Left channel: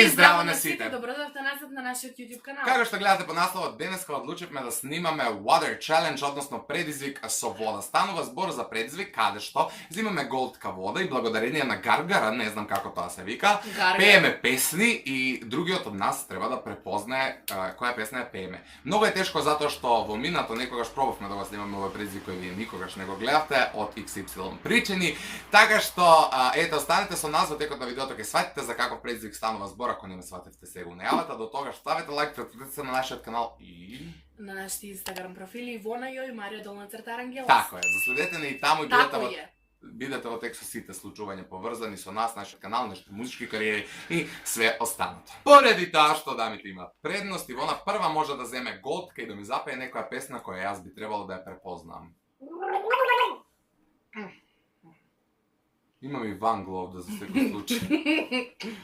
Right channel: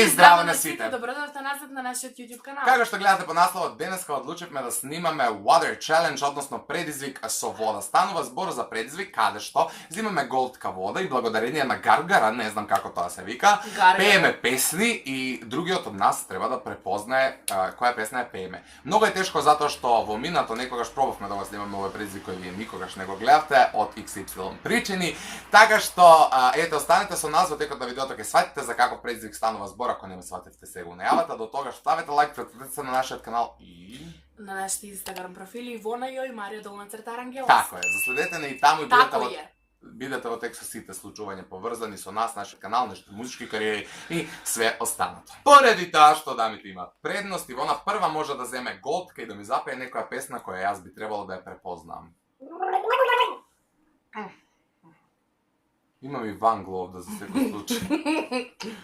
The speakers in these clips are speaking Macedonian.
И здраво на сите! Добродошли назад на нашиот YouTube канал. Како што гледате по насловот, денеска одлучивме да снимаме Water Challenge, односно предизвик со вода. Станува збор за предизвик каде што взимаме голтка вода и благодарение на гаргара, не знам како тоа се вика, пееме песни и другиот од нас треба да препознае која песна ја пееме. Многу е тешко затоа што во минато некогаш пробавме да го снимаме овој предизвик кој вие никогаш не го гледавте од XY причини, така што ете останете со нас во текот на видеото, ќе сватите за каков предизвик станува збор, ако не ме сватите сега у најавата. До тогаш ставете лайк, претпратете се на нашиот канал и на нашите Инстаграм профили Ивона Јој, Марија Долна Рангелос. Така е, заследете не и таму и Тако бидете во текст со сите случувања поврзани со нас, нашиот канал, нашите музички кариери и све останато. Поради тоа што дамите имаат предност, Ивона прва може да земе голтка и да ми запее некоја песна која јас би требало да ја препознам. Имам и Ван Глов да за секој случај.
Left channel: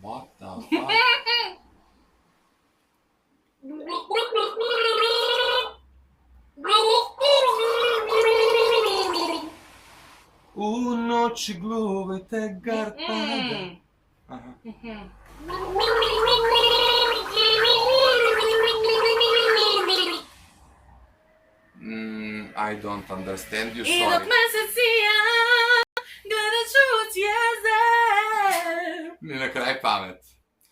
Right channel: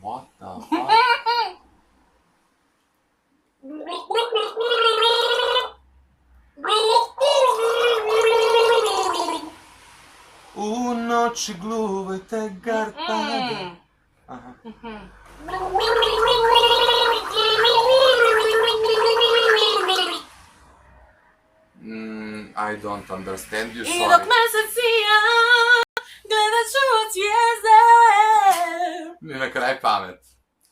What the fuck? У ночи глувите гарпада. Аха. I don't understand you, И sorry. док месец сија, гледачу од звезде. Ни на крај памет.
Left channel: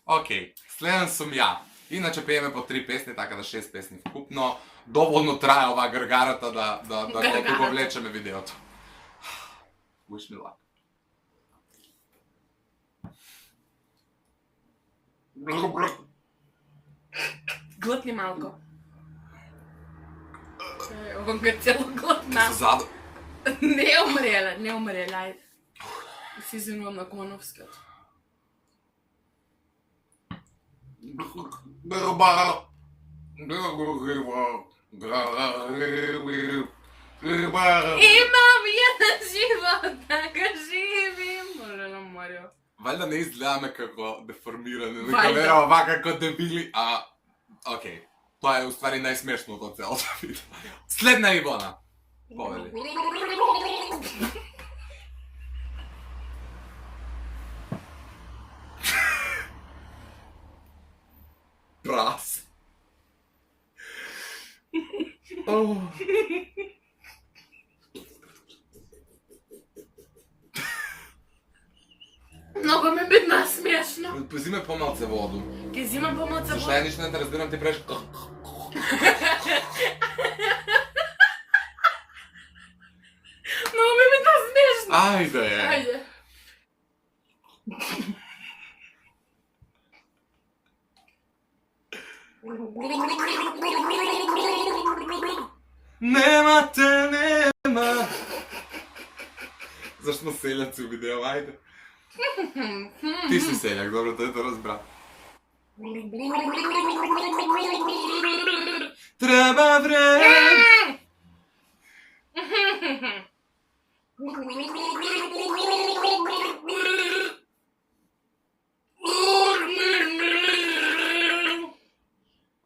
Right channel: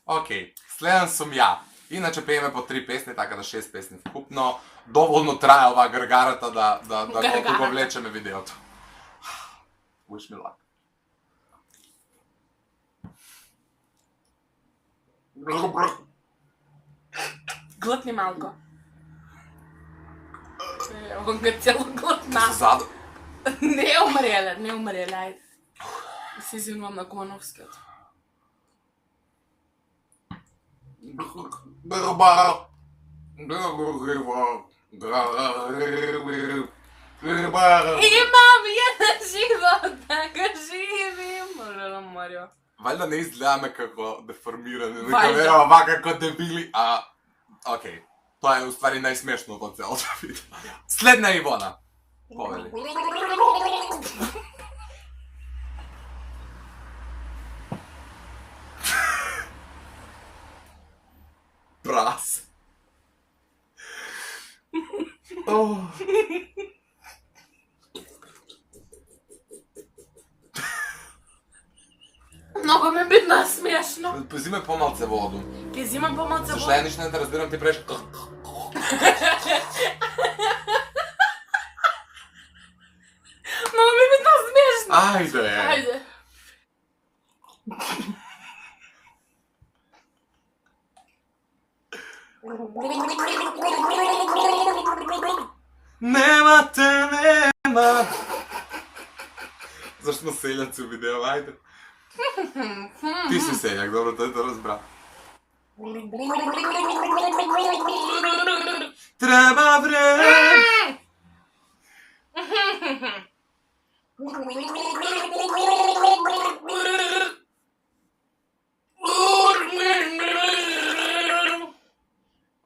Океј, следен сум ја. Иначе пееме по 3 песни, така да 6 песни вкупно. Доволно трае оваа гаргарата да го влечеме видеото. Wish me luck. Глътни малко. Ован га цело глътна. Заду. Не умреле, ајде. Се извинувам на Коновскиот. Имам еден живот, така живим. Марио. Валјда не изгледаме како деформирани, Вајда. дека верува вака како дебили, океј. Тоа е уствари најсмешното од целото видео. Следна Ивона. Повели. Прас. Много ме бидна смешно. Позиме помалце воду. Ке зимам помалце Зашто ја ништо не те разбирам, ти правиш... Много ме бидна смешно. Ајде! Ајде. Нема те, нема. Зашто сме селјаци у видео, ајде. Ти си селјак, добро, тој те разбра. Треба време.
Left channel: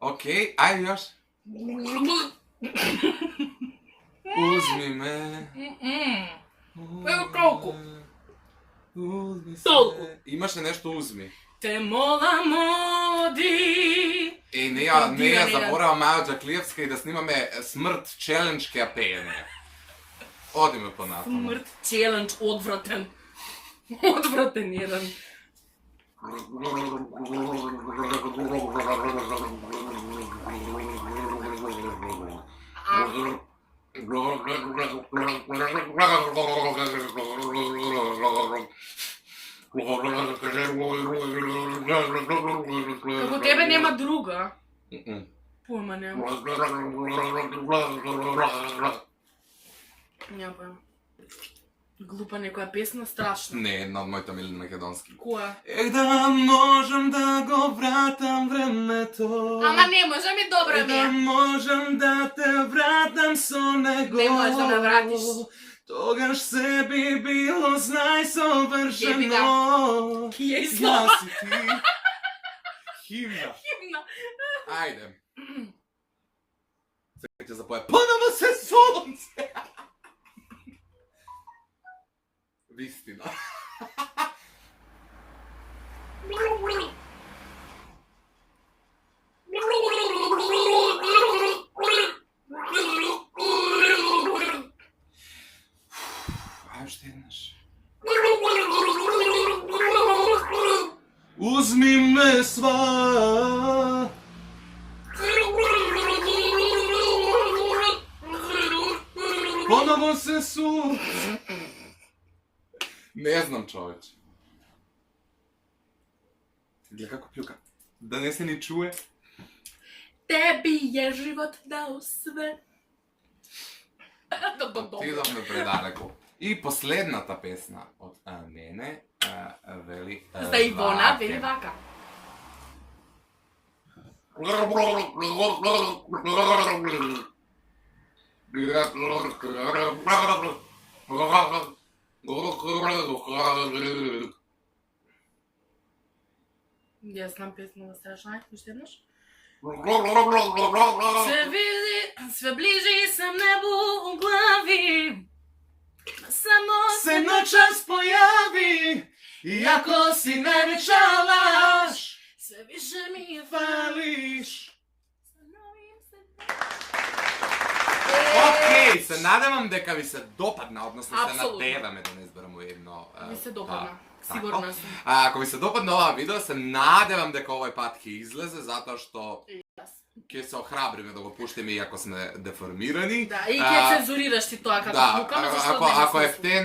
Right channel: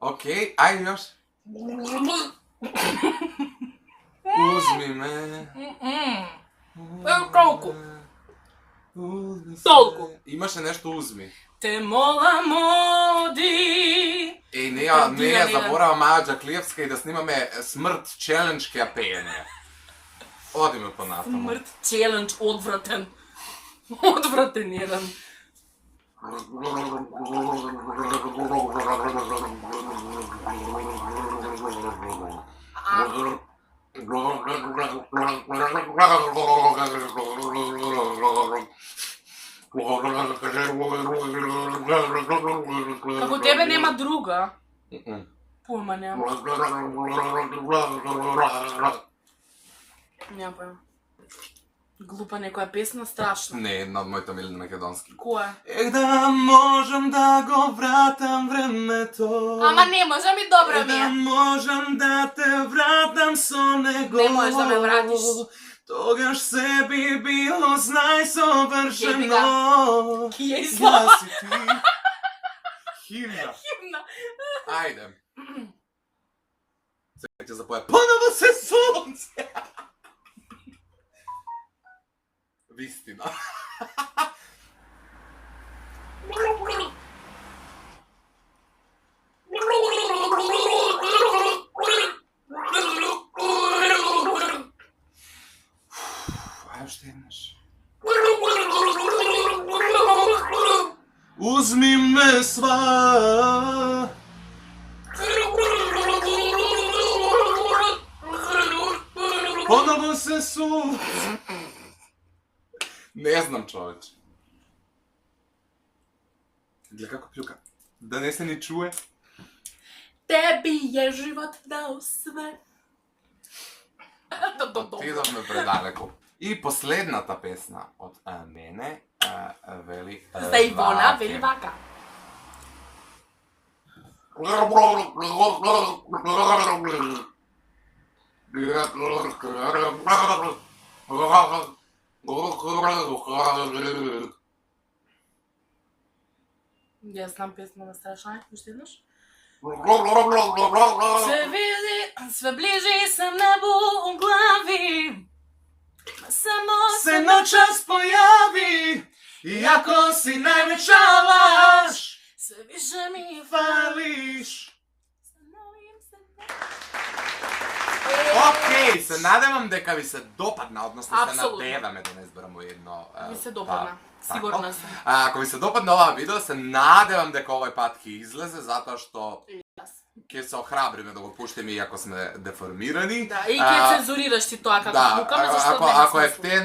Океј, ајде још. Узми ме. Колку? Узми се. Толку. Имаше нешто узми. Те мола моди. Не ја заборава Маја Џаклиевска и да снимаме Смрт челендж ке ја пеење. Одиме понатаму. Смрт челендж, одвратен. Одвратен еден. Како тебе нема друга. Појма нема. Нема појма. Глупа некоја песна, страшно. Не, една од моите милени македонски. Која? Да можам да го вратам времето. Ама не можам и добра ми Да е. можам да те вратам со него. Не можеш да ме вратиш. Тогаш се би било најсовршено. Ки ја излава. Јас и ти. Химна. Химна. Ајде. Сега ќе запое Поново се сонце. Вистина. Ајде уште еднаш. Узми ме сва. Поново се Не знам, човече. Гледа како плюка. Да не се ни чуе. Теби е живот дал све. Отидовме предалеку. И последната песна од мене вели За Ивона, вели вака. Ја знам песна на Страшај, уште еднаш. Све ближе сам небу у глави. Само се ночас појави, иако си највеќа лаж, све више ми фалиш. Океј, се надевам дека ви се допадна, односно се Апсолутно. надеваме да не избераме едно. ми се допадна. Така. Сигурна сум. Ако ви се допадна оваа видео, се надевам дека овој пат ќе излезе, затоа што ќе се охрабриме да го пуштиме иако сме деформирани. Да, и ќе цензурираш ти тоа како Да, пукаме, зашто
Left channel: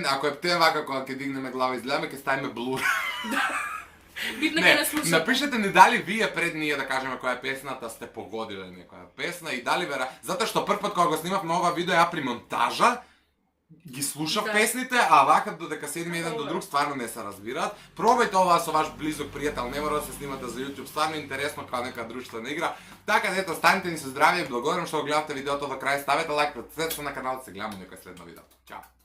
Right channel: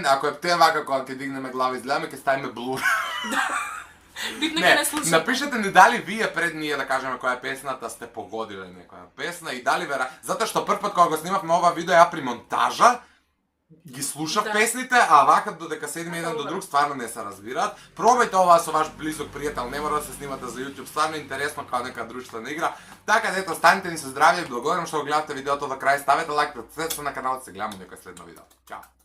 ако е птен вака кога ќе дигнеме глава и изгледаме, ќе ставиме блур. Битно ќе Не, не слуша. напишете ни дали вие пред ние да кажеме која е песната сте погодиле некоја песна и дали вера, затоа што прв пат кога го снимавме ова видео ја при монтажа ги слушав Да. песните, а вака додека седиме еден до друг стварно не се разбираат. Пробајте ова со ваш близок пријател, не мора да се снимате за YouTube, стварно интересно како нека друштвена игра. Така да ето, станете ни со здравје и благодарам што го гледавте видеото до крај, ставете лайк, претпlatете се на каналот, се гледаме некој следно видео. Ćao!